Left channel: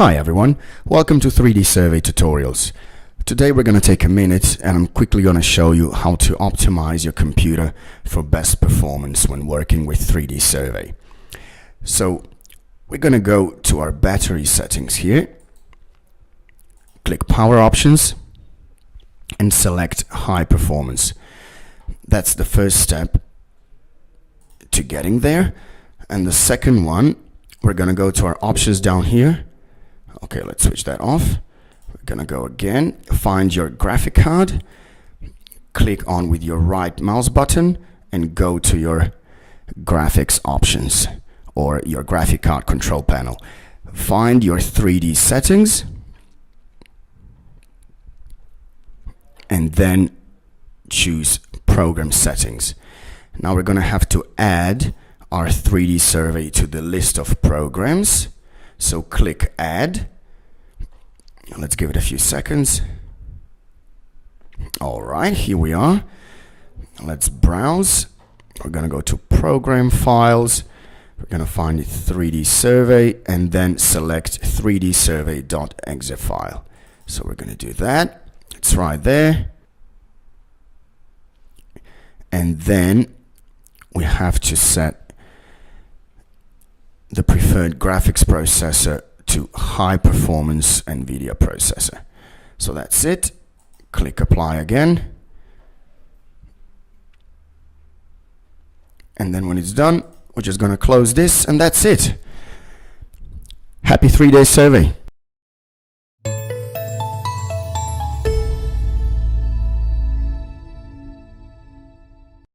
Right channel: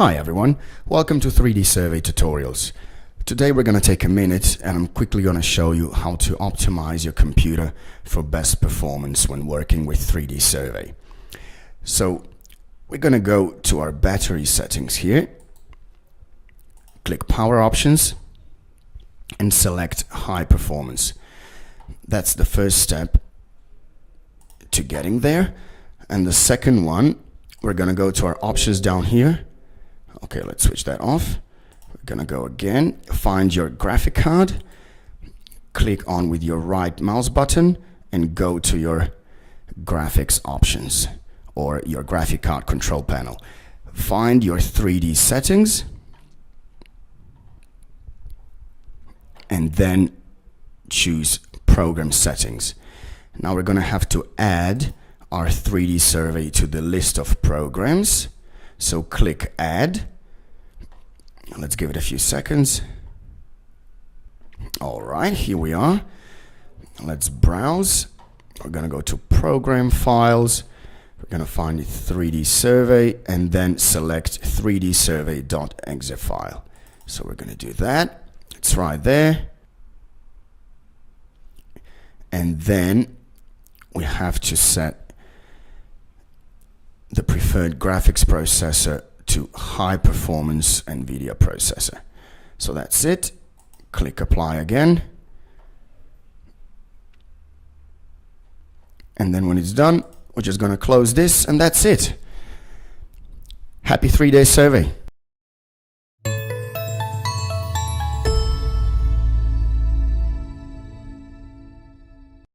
Hi everyone, welcome to 3D Survey Tutorials. Today we're going to take a minute and I'm quickly going to show you how to optimize your computer for best performance when working with 3D Survey. So we're going to go to our battery settings here, click Power Options and select High Performance. That's the first step to getting there. And the second one, we're going to go to our options down here. Okay, let's switch that off. We're gonna go again, find your graphic card, click on with your right mouse button and go to your graphics options or your graphic card control panel. Find your 3D settings and then choose program settings. Now we're gonna have to add our 3D Survey to the list of programs. So click Add. Let's give it a few seconds. All right, here we are. Let's browse. We're going to go to Program Files. We're going to find 3D Survey and then select 3dsurvey.exe file. So we're going to do that. It's right there. And then we have to set the preferred graphics processor to high performance NVIDIA processor. So that's it. Click Apply again. And then when it's done, we're just going to close this and that's it. Happy 3-day survey.